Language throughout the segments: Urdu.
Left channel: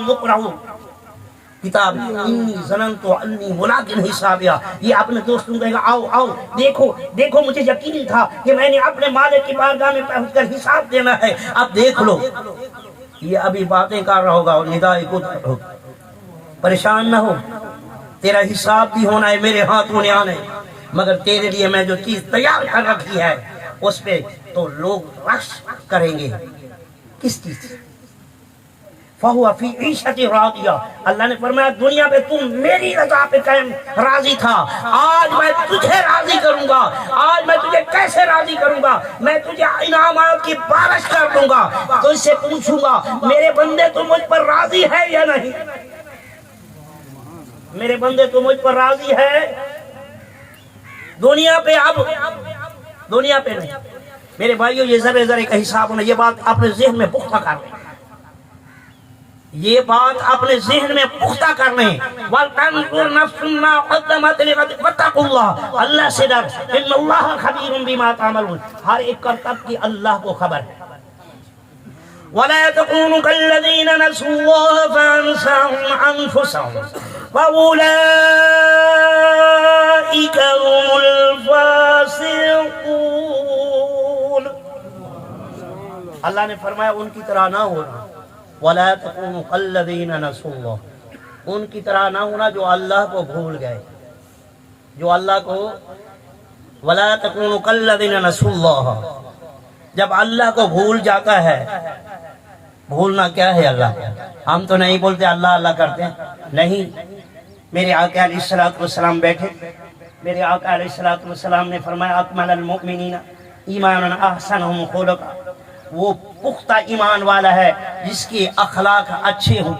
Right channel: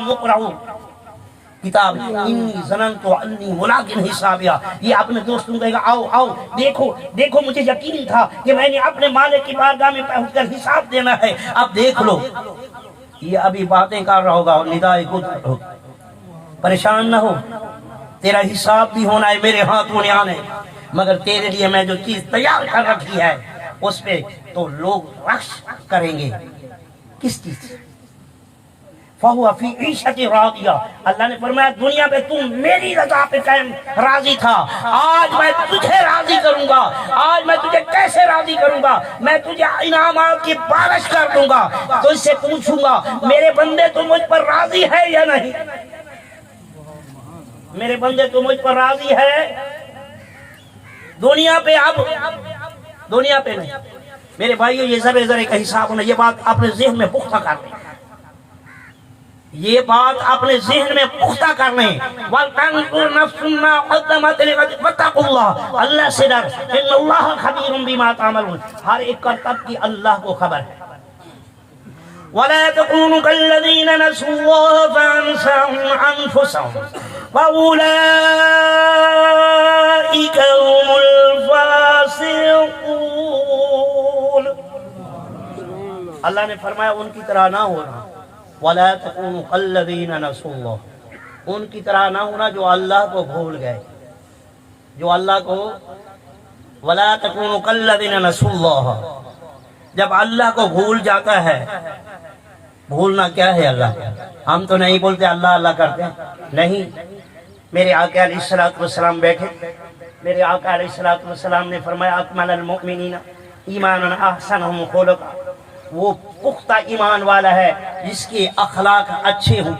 مقرؤ کتاب انی ظننت انی ملاق حسابیا، یہ اپنے دوستوں کو کہے گا آؤ آؤ دیکھو دیکھو مجھے یقین تھا کہ میں نے اپنے مالک کی بارگاہ میں پہنچ کر حساب دینا ہے، اب دیکھ لو۔ یہ ابھی باتیں کر رہا ہوگا اور ندائے قدرت ہو، پریشان نہ ہو، تیرا حساب بھی ہونا ہے، میرے ہاتھوں نے آنے، مگر تیرے لیے میں جو چیز تیار کر رکھی ہے اس پہ تو لوگ رقص کریں گے۔ کس چیز؟ فَهُوَ فِي عِيشَةٍ رَاضِيَةٍ، اللہ نے فرمایا دنیا پہ تم میری رضا پہ قائم راضی تھا، آج میں تجھے راضی کروں گا۔ آج میں تجھے کیسے راضی کروں گا؟ میں تجھے انعامات کی بارش کر دوں گا، تو اس سے پوچھوں گا میرے بندے تو مجھ پر راضی ہے یا نہیں؟ میرے بندے تو مجھ پر راضی ہے؟ دنیا پہ، اب دنیا پہ نہیں میرے بھائیو، یہ ذرے ذرے کا حساب ہونا، یہ بات اپنے ذہن میں پختہ کر لیں، یہ بات اپنے ذہن میں پختہ کر لیں۔ وَلْتَنظُرْ نَفْسٌ مَّا قَدَّمَتْ لِغَدٍ وَاتَّقُوا اللَّهَ، اللہ سے ڈر، إِنَّ اللَّهَ خَبِيرٌ بِمَا تَعْمَلُونَ، ہر ایک کرتب کی اللہ کو خبر ہے۔ وَلَا تَكُونُوا كَالَّذِينَ نَسُوا اللَّهَ فَأَنسَاهُمْ أَنفُسَهُمْ وَأُولَٰئِكَ هُمُ الْفَاسِقُونَ، اللہ نے فرمایا ان کی طرح نہ ہونا، وَلَا تَكُونُوا كَالَّذِينَ نَسُوا اللَّهَ، ان کی طرح نہ ہونا جو اللہ کو بھول گئے، جو اللہ کو، وَلَا تَكُونُوا كَالَّذِينَ نَسُوا اللَّهَ، جب اللہ کو بھول جاتا ہے، بھولنا کیا ہے اللہ کو؟ ہم تو نہیں بولتے اللہ اللہ کرتے ہیں، نہیں، میرے آقا علیہ الصلوۃ والسلام بیٹھے، میرے آقا علیہ الصلوۃ والسلام نے فرمایا اکمل المؤمنین ایمانا احسنہم خلقا، وہ پختہ ایمان والا ہے جس کے اخلاق اچھے ہوں،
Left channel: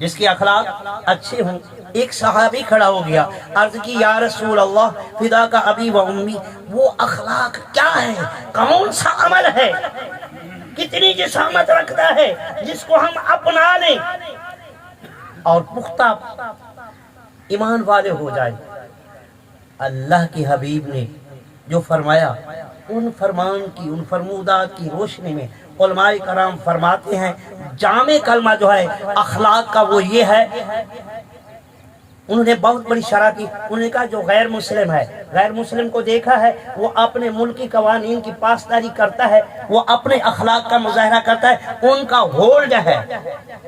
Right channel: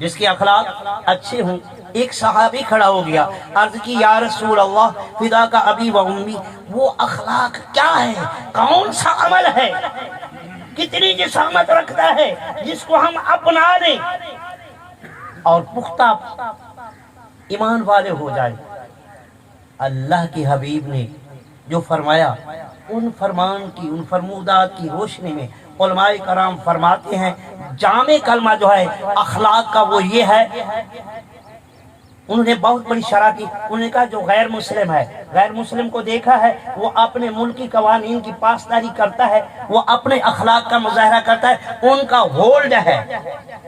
جس کے اخلاق اچھے ہوں۔ ایک صحابی کھڑا ہو گیا، عرض کی یا رسول اللہ فداک ابی و امی، وہ اخلاق کیا ہے؟ کون سا عمل ہے؟ کتنی جسامت رکھتا ہے جس کو ہم اپنا لیں اور پختہ ایمان والے ہو جائیں؟ اللہ کے حبیب نے جو فرمایا، ان فرمان کی، ان فرمودات کی روشنی میں علماء کرام فرماتے ہیں جامع کلمہ جو ہے اخلاق کا وہ یہ ہے، انہوں نے بہت بڑی شرح کی، انہوں نے کہا جو غیر مسلم ہے، غیر مسلم کو دیکھا ہے وہ اپنے ملکی قوانین کی پاسداری کرتا ہے، وہ اپنے اخلاق کا مظاہرہ کرتا ہے، ان کا ہولڈ ہے،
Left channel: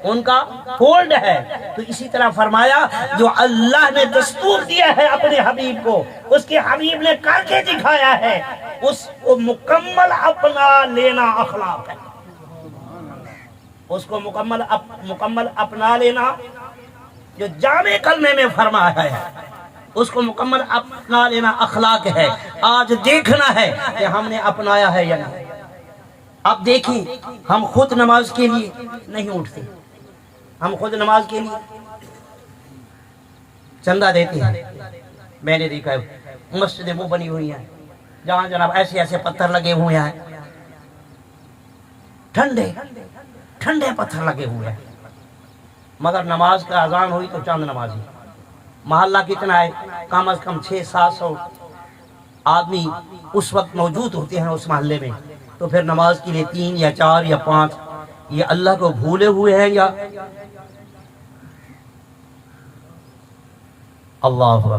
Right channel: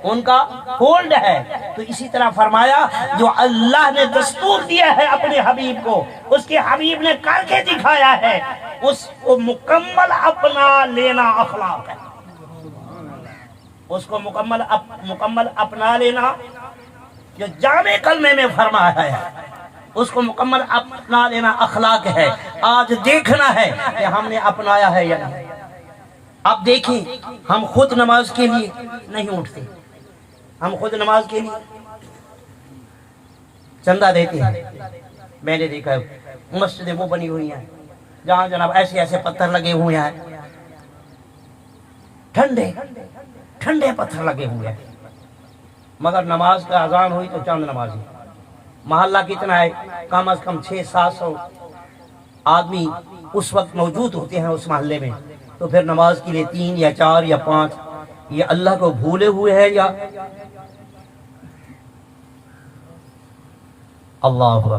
ان کا ہولڈ ہے۔ تو اسی طرح فرمایا جو اللہ نے دستور دیا ہے اپنے حبیب کو، اس کے حبیب نے کر کے دکھایا ہے، اس کو مکمل اپنا لینا اخلاق ہے، اس کو مکمل اپنا لینا جو جامع کلمے میں فرمایا ہے، اس کو مکمل اپنا لینا اخلاق ہے۔ آج دیکھنا ہے کہ ہم نے اپنایا ہے یا نہیں۔ اب دیکھیں، ہم خود نماز کے لیے نہیں اٹھتے، ہم خود نماز کے لیے چندہ دیتے ہیں۔ میں نے دیکھا ہے مسجدیں وہ بنی ہوئی ہیں جہاں جناب ایسے ایسے پتھر لگے ہوئے ہیں، ٹھنڈے ٹھنڈے پتھر لگے ہوئے ہیں، مگر نماز کا اذان ہوئی تو چند نمازی، محلہ کتنا ہے؟ کم از کم 600-700 آدمی اس وقت موجود ہوتے ہیں اس محلے میں، تو پھر نماز کے لیے 3 یا 4 یا 5، یہ اللہ کو بھولے ہوئے ہیں یا اللہ اکبر۔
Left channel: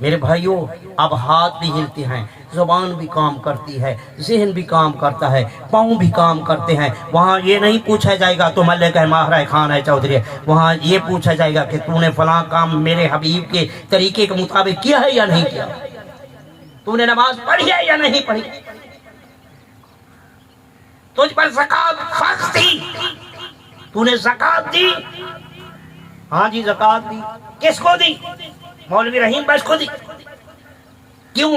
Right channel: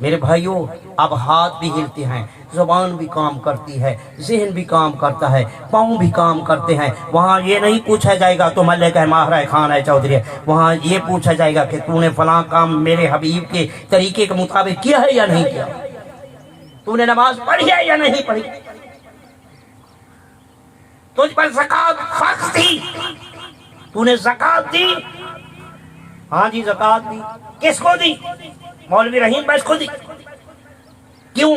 میرے بھائیوں، اب ہاتھ بھی ہلتے ہیں، زبان بھی کام کرتی ہے، ذہن بھی کام کرتا ہے، پاؤں بھی کام کرتے ہیں۔ وہاں یہ نہیں پوچھا جائے گا تو ملک ہے ماہرہ خان ہے چودھری ہے، وہاں یہ پوچھا جائے گا کہ تو نے فلاں کام میرے حبیب کے طریقے کے مطابق کیا ہے یا نہیں کیا، تو نے نماز پڑھی ہے یا نہیں پڑھی، تجھ پر زکوٰۃ فرض تھی، تو نے زکوٰۃ دی؟ ہاں جی زکوٰۃ دی۔ کس کو دی؟ مولوی رحیم بس کو دی۔ کیوں؟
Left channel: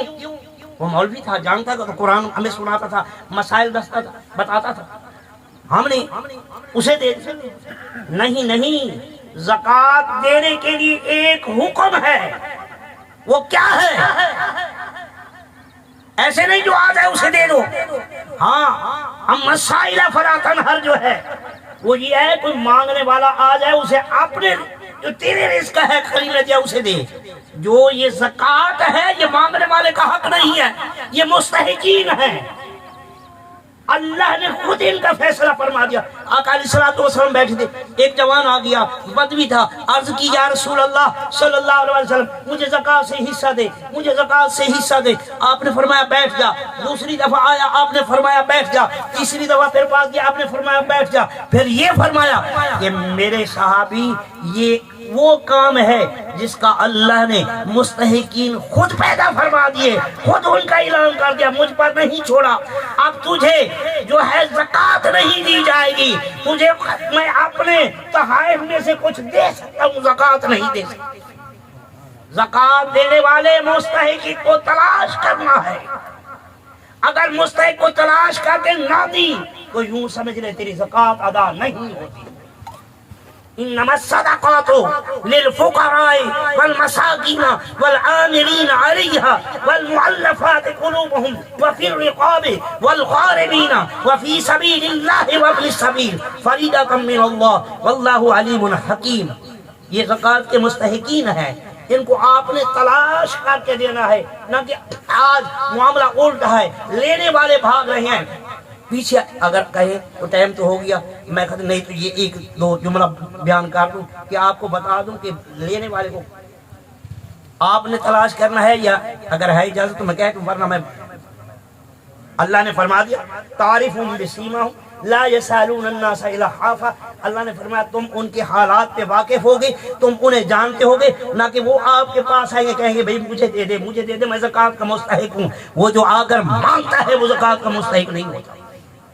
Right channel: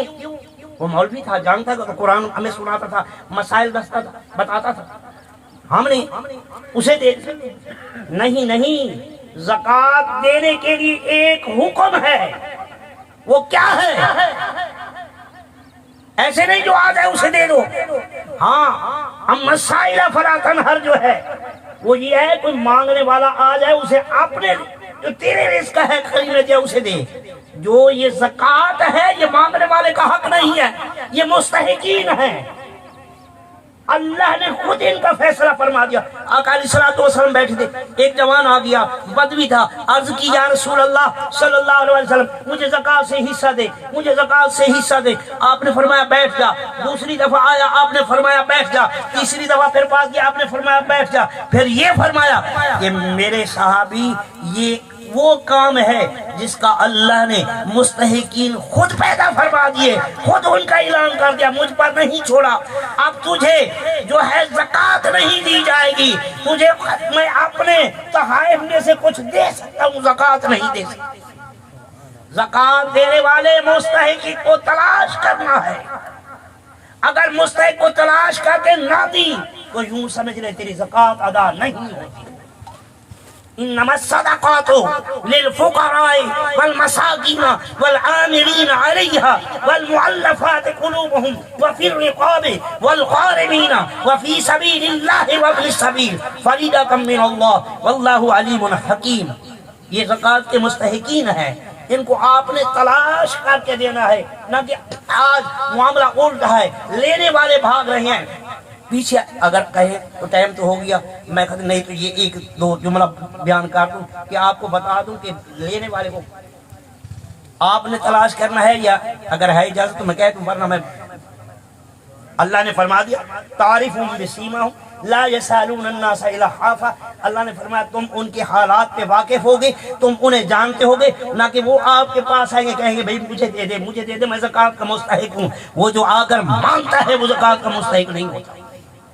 وہ مولوی تھا، جانتا تھا، تو قرآن ہمیں سناتا تھا، مسائل دستا تھا، بتاتا تھا، ہم نے اسے دے دیا۔ نہیں، زکوٰۃ دینے کے لیے ایک حکم ہے، وہ کیا ہے؟ ایسے نہیں جو آ جائے اسے دے دو۔ ہاں، ہم مسائل فراتن ہر جو ہے وہ یہ ہے کوئی مانگنے والا آ جائے اسے اپنے جو تیرے رزق ہے خرید لے جائے اسے دے۔ جو یہ زکوٰۃ ہے یہ مانگنے والے کا حق نہیں ہے، یہ مستحقین ہیں۔ اللہ نے خود ان کا فیصلہ فرما دیا. آقا علیہ الصلوۃ والسلام بیٹھے تھے, ایک جوان آ گیا, بدوی تھا, عرض کی یا رسول اللہ صلی اللہ علیہ وسلم مجھے زکوٰۃ سے حصہ دے, مجھے زکوٰۃ سے حصہ دے. آپ نے فرمایا بیٹھ جا. دوسری دفعہ آیا, آپ نے فرمایا بیٹھ جا. تیسری دفعہ پھر پاس گیا, آپ نے فرمایا بیٹھ جا. پھر یہ فرمایا کہ میرے صحابی یہ وہ کام ہے جس کا اللہ نے مستحقین خود پیدا فرما دیے, خود ان کا اعلان کر دیا, مجھ پر نہیں چھوڑا. اب تجھے جو ہے زکوٰۃ نہیں دی جائے گی, تجھے میں اپنے تحائف میں سے کچھ دے سکتا ہوں, زکوٰۃ نہیں دے سکتا. زکوٰۃ دینے والے مستحق کو تلاش کرنا ہے. اگر مستحق کو تلاش کر کے نہ دی تو یوں سمجھ لے تیری زکوٰۃ ادا نہیں ہوتی. انما الصدقات للفقراء والمساکین والعاملین علیہا والمؤلفات قلوبهم وفی الرقاب والغارمین وفی سبیل اللہ وابن السبیل فریضۃ من اللہ واللہ علیم حکیم. یہ زکوٰۃ کے مستحقین ہیں, ان کو آپ نے تلاش کر کے دینا ہے, نہ کہ آج معاملہ الٹا ہے, لینے والے بھاگ رہے ہیں پیچھے. اگر کہے تو ٹائم تو ہو گیا, میں کہتا نہیں تو یہ ایک دو جملہ بیان کر دوں کہ آپ کو بتا دوں کہ لینے والے کو آپ نے تلاش کرنا ہے, یا اگر ہے اجازت تو میں کہہ دوں, ورنہ میں. اللہ نے فرما دیا تعریفہم بسیماہم لا یسألون الناس الحافا. اللہ نے فرمایا تم ان کے حالات پہ واقف ہوگے, تم انہیں جانتے ہوگے, نہ کہ وہ آپ کے پاس آئیں گے کہیں گے بھئی مجھے دے دے, مجھے دے دے, میں زکوٰۃ کا مستحق ہوں. وہ جو آ کر مانگتا ہے وہ زکوٰۃ کا مستحق نہیں ہوتا.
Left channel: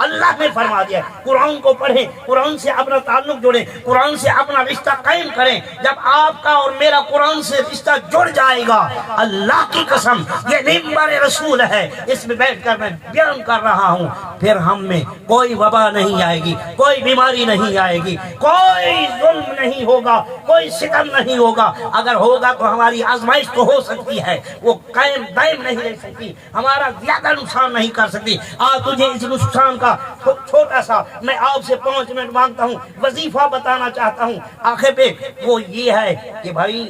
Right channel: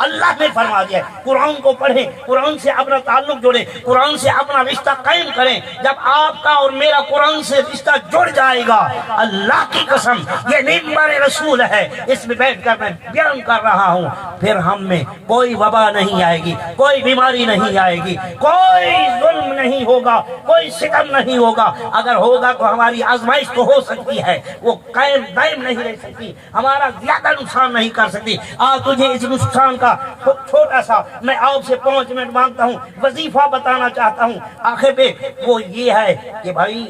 اللہ نے فرما دیا ہے قرآن کو پڑھیں, قرآن سے اپنا تعلق جوڑیں, قرآن سے اپنا رشتہ قائم کریں. جب آپ کا اور میرا قرآن سے رشتہ جڑ جائے گا, اللہ کی قسم یہ ممبر رسول ہے, اس میں بیٹھ کر میں بیان کر رہا ہوں, پھر ہم میں کوئی وبا نہیں آئے گی, کوئی بیماری نہیں آئے گی, کوئی ظلم نہیں ہوگا, کوئی ستم نہیں ہوگا. اگر ہوگا تو ہماری آزمائش تو ہو سکتی ہے, وہ قائم دائم نہیں رہ سکتی, ہمارا زیادہ نقصان نہیں کر سکتی. تجھے اس نقصان چھوٹا سا میں آپ سے 5 منٹ مانگتا ہوں, وظیفہ بتانا چاہتا ہوں آخر پہ. وہ یہ ہے کہ بھائی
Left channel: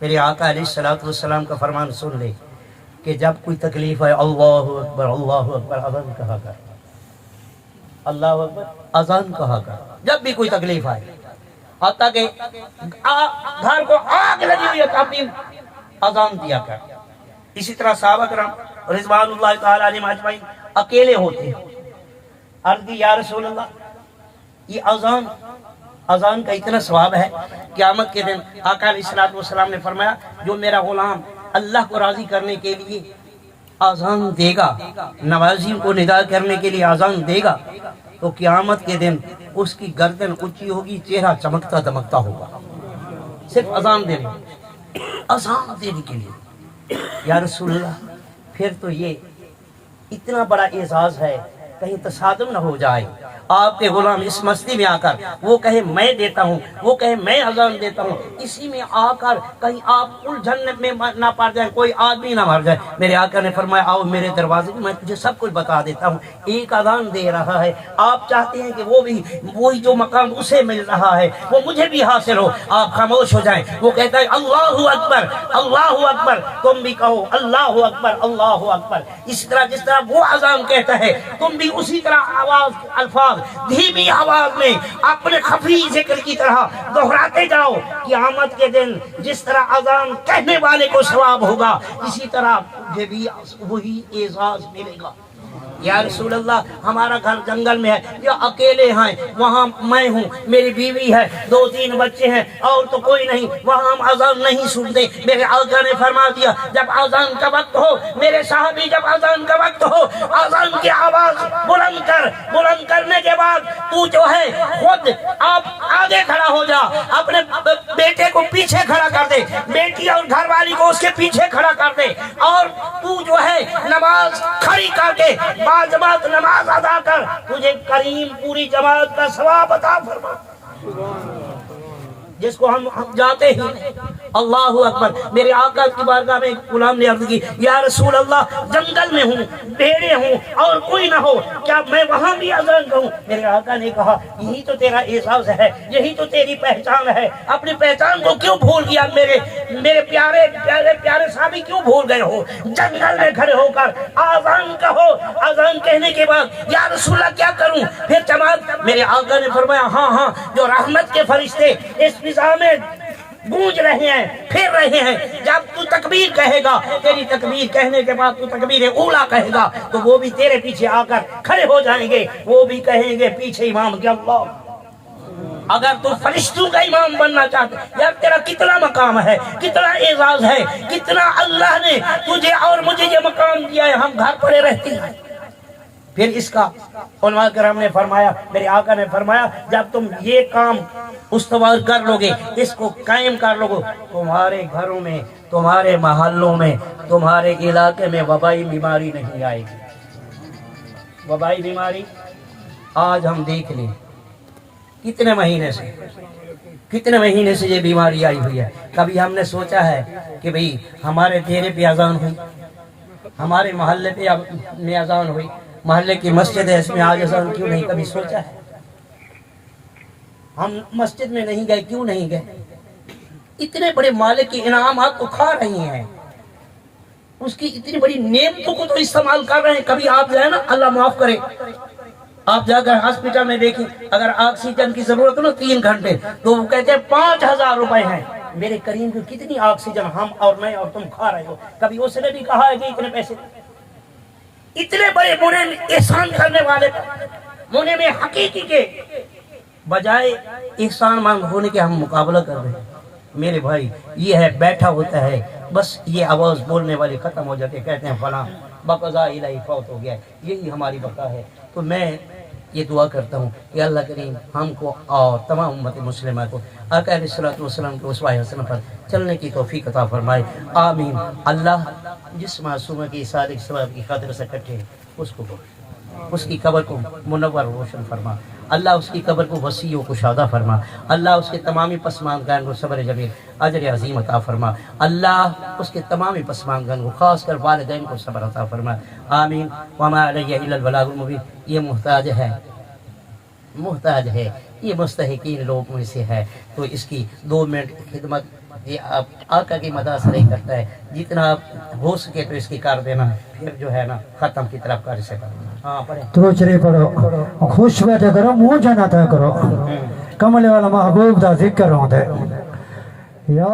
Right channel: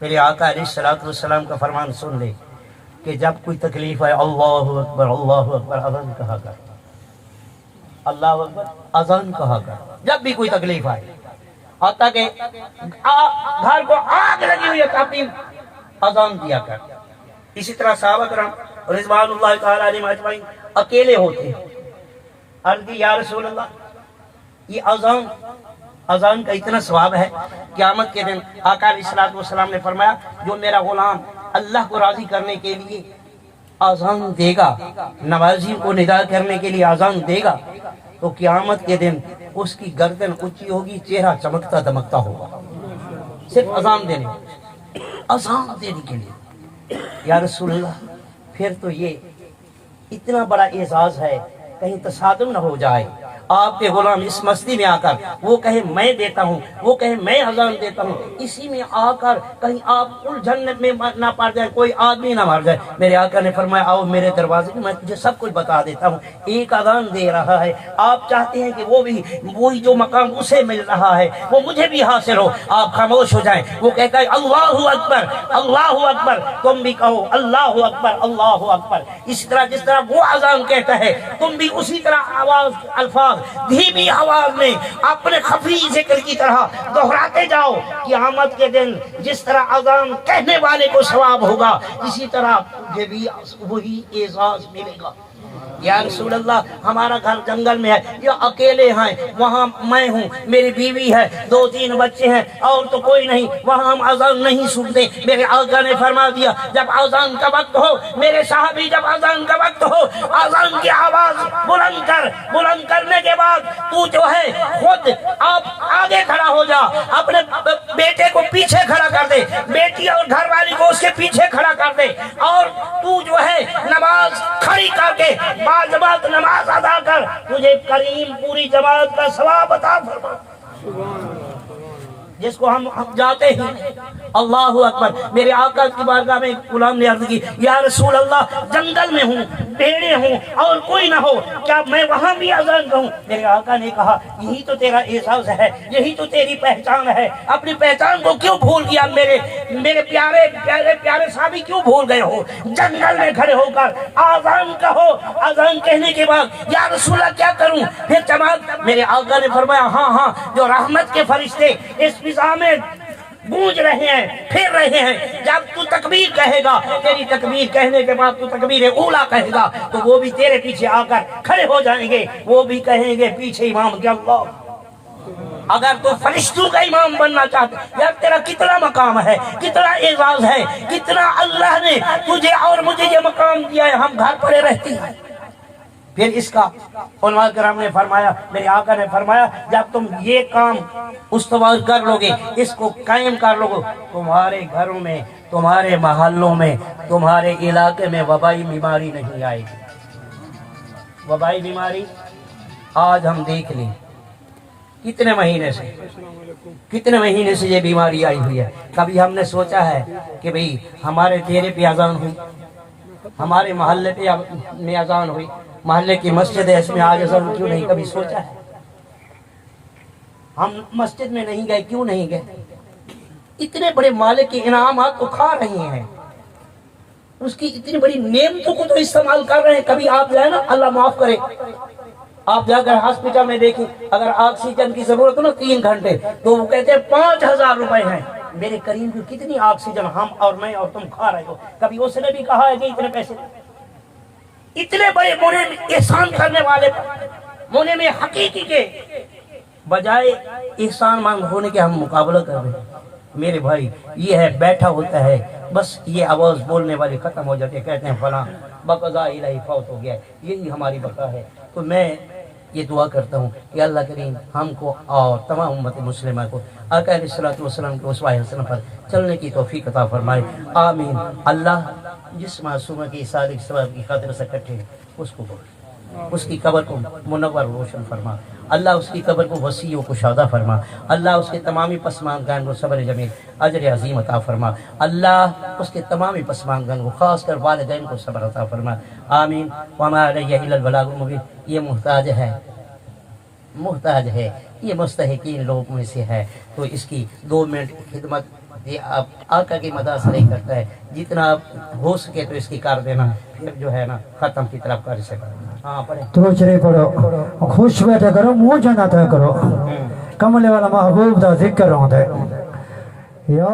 میرے آقا علیہ الصلوۃ والسلام کا فرمان سن لے کہ جب کوئی تکلیف ہے اللہ اکبر اذان کہا کر, اللہ اکبر اذان کہا کر. جب بھی کوئی تکلیف آئے, حتیٰ کہ گھر کو آگ لگی ہوئی ہے تو اپنی اذان دیا کر. اسی طرح صحابہ کرام رضوان اللہ تعالی علیہم اجمعین اکیلے ہوتے, عرض کی یا رسول اللہ یہ اذان کا اتنا ثواب ہے. قیامت کے دن آقا علیہ الصلوۃ والسلام نے فرمایا جو میرا غلام اللہ کو راضی کرنے کے لیے اذان دے گا, نوازی کو ندا کرنے کے لیے اذان دے گا, تو قیامت کے دن اس کی گردن اونچی ہوگی, چہرہ چمکتا دمکتا ہوگا, صرف اذان دینے کے لیے. یا رسول اللہ پھر تو یہ اتنا بڑا اعزاز ہے, کہیں تصادم نہ ہو جائے آپ کے غلام اس مستی میں آ کر وہ کہے میں دیتا ہوں, وہ کہے میں اذان دیتا ہوں, اسی میں آ کر کہیں آپ الجھن میں نہ پڑ جائے, کوئی آدمی نہ مر جائے. میرے آقا نے فرمایا آؤ میرے دروازے میں تجھے سب کچھ بتا دیتا ہوں. ایک اذان دے رہا ہے, آپ چاہتے ہیں کہ وہ بھی وہی جو مقام اسے مل رہا ہے وہ مجھے بھی حاصل ہو, آپ خاموش ہو جائیں. وہ کہتا ہے اللہ اکبر اللہ اکبر, تم بھی کہو اللہ اکبر اللہ اکبر. اس طرح جس طرح وہ اذان کہتا ہے تم بھی اسی طرح آواز الفاظ دھیمی آواز میں اپنے خفی ذکر کی طرح دہراتے جاؤ. قیامت کے دن جس طرح اذان کہنے والے کو ثواب ہوگا, اسی طرح تجھے بھی وہی اعزاز ملے گا. یا رسول اللہ ہمارا گھر جنگل میں ہے, یا اکیلے ہیں, وہاں میں ہوں, میری بیوی ہے, 2-3 بچے ہیں, اور تو کوئی نہیں, وہاں ہم اذان نہیں سنتے. میرے آقا نے فرما دیا جب اذان کا وقت ہو, میرے صحابی جب اذان کا وقت ہو, اذان کی آواز بلند کر, بلند کرنے کے بعد تو جو ہے خود آپ آگے کھڑا ہو جا, اپنے بیٹے کو پیچھے کھڑا کر دے, بیٹی اور گھر والی کو اس کے پیچھے کھڑا کر دے, اور تو جو ہے نماز کھڑی کر کے جماعت نماز ادا کر, تجھے کریم پوری جماعت کا ثواب عطا فرما. جس کو ہم جاتے ہی اللہ اکبر. میرے آقا کی بارگاہ میں ایک غلام نے عرض کی یا رسول اللہ جنگل میں ہوں, بھیڑیں ہوں اور کوئی نہ ہو, کیا میں وہاں بھی اذان کہوں؟ میرے آقا نے کہا یہی تو تیرا اعزاز ہے, یہی تو تیری پہچان ہے, اپنی پہچان کو کیوں بھول گیا؟ میرے پیارے پیارے پیارے صحابی کیوں بھول گئے ہو؟ جنگل میں کھڑے ہو کر آذان کہو. آذان کہنے کے بعد یا رسول اللہ کیا کروں؟ پھر جماعت, میرے آقا نے فرمایا ہاں ہاں, جو رحمت کے فرشتے اس فضا میں گونج رہے ہیں, پھر رہے ہیں, جب تو تکبیر کہے گا, تیری تکبیر کہنے کے بعد تو تکبیر اولا کہے گا, تو وہ بھی تیرے پیچھے آ کر کھڑے ہو جائیں گے, وہ بھی کہیں گے پیچھے امام کے اللہ. اگر تو فرشتوں کا امام بننا چاہتے, یار تیرا کتنا مقام ہے, کتنا اعزاز ہے, کتنا اللہ نے تجھے اور مجھے یہ مقام دیا ہے, ہم گھر پڑے رہتے ہیں. پھر اس کا علماء کرام نے فرمایا, میرے آقا نے فرمایا جب تم یہ کام استوار کر لو گے, اس کو قائم کر لو گے, تمہارے گھروں میں, تمہارے محلوں میں, تمہارے علاقے میں وبائی بیماری نہیں آئے گی. وبائی بیماری آج ہم دیکھ لیں کتنے مہینے سے یہ بیماری آئی ہوئی ہے. کبھی ہم نے سوچا ہے کہ بھئی ہمارے ڈیرے پہ اذان ہوئی, ہمارے محلے پہ میں اذان ہوئی, محلے کی مسجد ہے اس میں آج اذان کیوں نہیں؟ کبھی سوچا ہے؟ ہم مسجد میں نہیں گئے, کیوں نہیں گئے؟ اتنے بڑے مالک کے انعامات کو کھا رہی ہیں, اس کی اتنی بڑی نعمتوں کو تو استعمال کر رہے ہیں. کبھی آپ جائیں نا, اللہ معاف کرے, آپ جا کر ہاسپٹل میں دیکھیں, اگر آکسیجن کی ضرورت ہو نا 3 گھنٹے, تو وہ کہتے ہیں 5000 روپے ہیں. میرے کریم کی کتنی آکسیجن ہم اور میں اور تم کھا رہے ہو. کبھی اس نے بھی کہا ہے کہ اتنے پیسے, اتنے بڑے بڑے احسان کرنے والے ہونے میں حقیقی کے بجائے احسان مند ہونے کے ہم مقابلہ کر رہے ہیں. میرے بھائی یہ ہے, بیٹھا ہوتا ہے بس, یہ آواز بولنے والے ختم ہو جاتے, کہتے ہیں فلاں بقضاء الہی فوت ہو گیا, یہی ہماری بقا ہے. تو میں یہ دعا کرتا ہوں کہ اللہ کریم ہم کو اور تمام امت مسلمہ کو آقا علیہ الصلوۃ والسلام کے اسوہ حسنہ پر چلنے کی توفیق عطا فرمائے, آمین. اللہ جس معصومہ کی صادق ثواب کی خاطر سے کٹے, اس کی قبر کو منور روشن فرما, اللہ اس کی قبر کو وسیع و کشادہ فرما, اللہ اس کے تمامی پسماندگان کو صبر جمیل اجر عظیم عطا فرما, اللہ اس کے تمامی پسماندگان کو خاص کر والدین کو صبر عطا فرما, آمین. وما علیہ الا البلاغ المبین. یہ محتاج ہے, یہ مستحقین لوگوں میں سے ہے, تو اس کی 2 منٹ خدمت آقا کی مدد سے نہیں کرتا ہے, جتنا ہو سکے تو اس کی کر دینا, پھر جو ہے نا ختم کی طرف کر سکتا. ہاں پڑھیں. تو چرے پڑھو, خوش بیٹھے کرو, منہ جنت کرو, کملے والا محبوب دا ذکر ہوندے. یا